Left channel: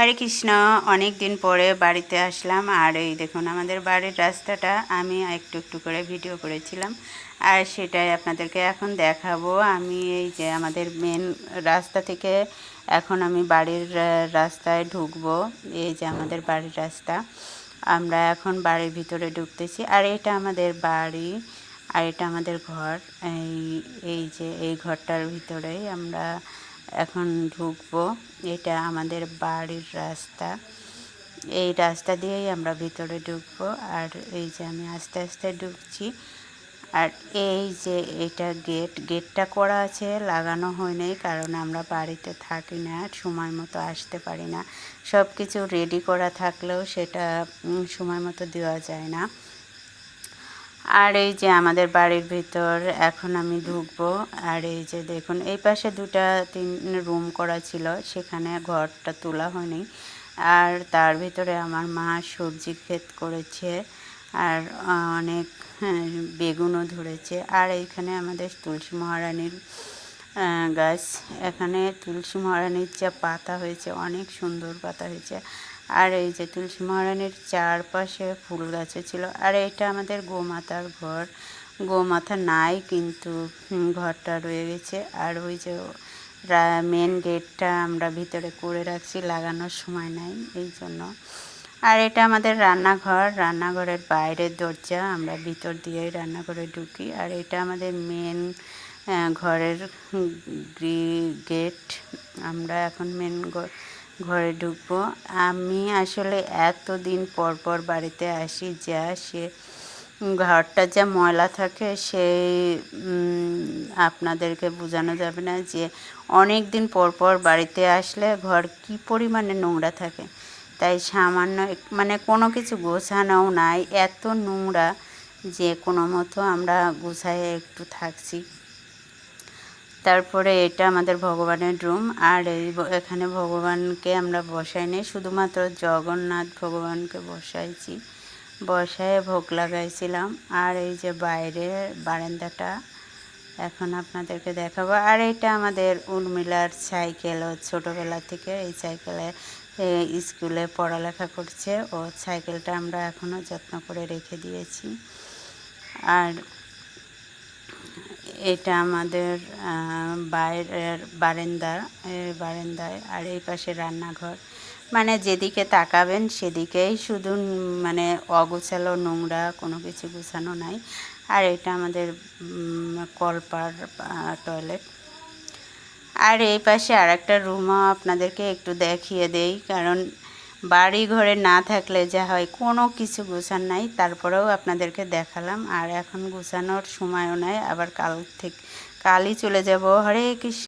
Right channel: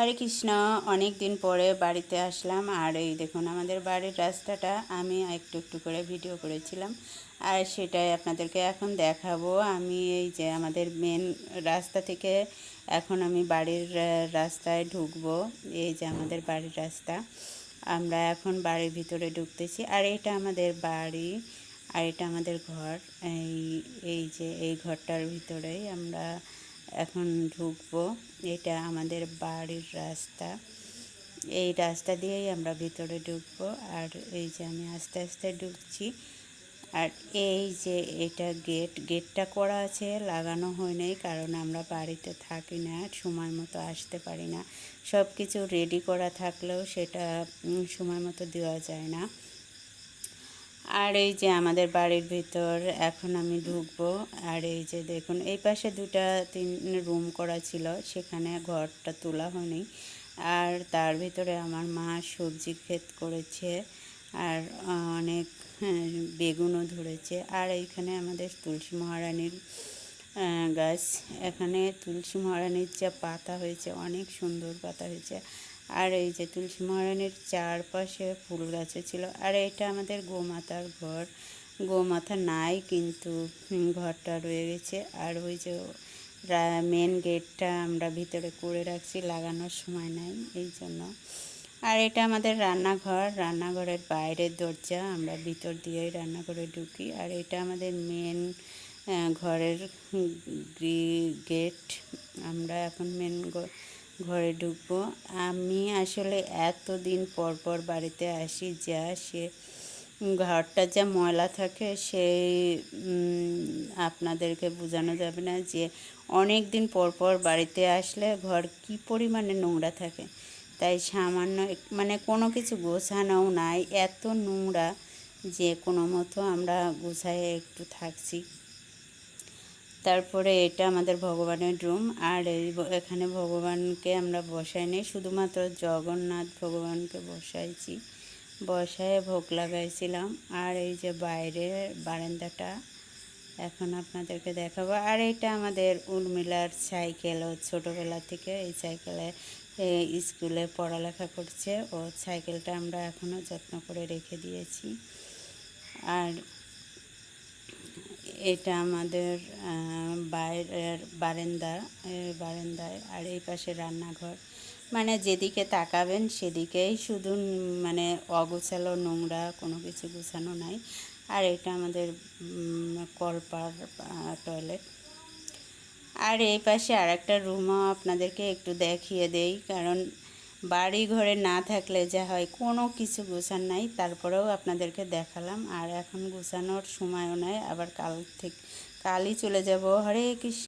হরে কৃষ্ণ। অনেক দিন পরে বাড়িতে আসলাম, আর এই দেখুন আমাদের বাড়ির রাস্তাটা আমি একটু একটু করে ভিডিও করেছিলাম, আর সেটাই আপনাদেরকে এখন দেখাবো। আমি এই যে আমাদের মেন রাস্তা থেকে এখন আমি বাড়ির রাস্তায় ঢুকবো। এই যে আমাদের বাড়ির রাস্তা, আমরা এখন বাড়ির ভিতরে ঢুকতেছি। আর এটা আমাদের বাড়ি, আর এটা আমাদের ঘর। এই যে এই ঘরটার ভিতরেই আমরা এখন ঢুকবো। এটা আমাদের বাড়ির রাস্তা, এই রাস্তা দিয়েই আমরা ভিতরে ঢুকবো। আর এই যে আমি আস্তে আস্তে ঢুকছি। আর এই যে এটা গেটটা করা আছে, লাগানো হয়নি, কারণ আমরা বাড়িতে থাকি না, সময় মতো আসতে পারি না। সব কিছু রেডি করা থাকলেও সেটা সময় মতো দেওয়া যায় না। আর এই যে আমাদের বাড়ির ভিতর এখন আমি ঢুকবো। আর এই যে দেখুন এই পাশে 2-3 রুম করা ছিল, সেখানে ঘরটা তোলা হয়নি। আর তার ভিতরে আমার মা সবজি ক্ষেত করেছে, আর অনেক বেগুনও ধরেছে। আর এইখানে আমাদের তুলসী মহারানীর গাছ, এখানে তুলসী মহারানীর যা পাতা হয়েছে, অনেক সুন্দর পাতা হয়েছে। আর এই যে তুলসী মহারানীর চারপাশে ফুল গাছে ছিল। আর এটা আমাদের গোমাতার ঘর, গোমাতা নাই কিন্তু ঘরটা রয়ে গেছে। আর ওই যে মেন গেটটা আমরা ভিতরে করে রাখছি, লাগানোর সময় নাই এই জন্য। আর এটা আমাদের রান্নাঘর, রান্নাঘরের বাইরের দরজা, আমরা ভিতর দিয়েই রান্নাঘরে ঢুকি। আর এটা আমাদের মেন ঘরের গেট, আমরা এখন মেন ঘরে ঢুকবো। আমি আসলে এতদিন পর পর বাড়িতে আসি, যা সে ঘরটা যা ময়লা থাকে সেই আপনাদেরকে বোঝানো যাবে না, যে অনেক দিন পর পর বাড়িতে আসলে ঘর কি পরিমাণে নোংরা থাকে। তাই সামান্য মানে কোনো কিছু গোছানোও নাই, এত নোংরা যে কোনো মতো আমরা গোছায় একটু থাকছি। তারপরে এটা আমাদের ভগবানের রুম। আর এখানে ভগবানকে আমরা বসাইনি, শুধুমাত্র জগন্নাথ ভগবানকে বসাইছি, বসায় ভোগ লাগাইছিলাম। আর এই যে বাইরের বারান্দাটা এখন আপনাদেরকে দেখাবো। আর এটা আমাদের উর্মিলার সাইকেল, ও ছোটোবেলা থেকে এই সাইকেলে স্কুলে পড়ালেখা করছে, ও সাইকেলটা আমরা এখনও যত্ন করে রেখে দিয়েছি। আর এটা আমাদের বাইরের বারান্দায়। আর এই পাশে রান্নাঘর, মানে যেদিকে তাকাবেন সেদিকেই শুধু মানে অগোছালো নোংরা, কোনো কিছু গোছানো নাই। আর এটা আমাদের কলপার টয়লেট। আর এই পাশে আর একটা রুমও আপনাদেরকে একটু দেখিয়ে দেই, কারণ বাড়ি ঘরে না থাকলে যা হয়, কোনো কিছু গোছান নাই, তারপরেও আপনাদেরকে দেখালাম। আর এখন গোছানোর সময়ও নাই, আবার কালই চলে যাব। হরে কৃষ্ণ।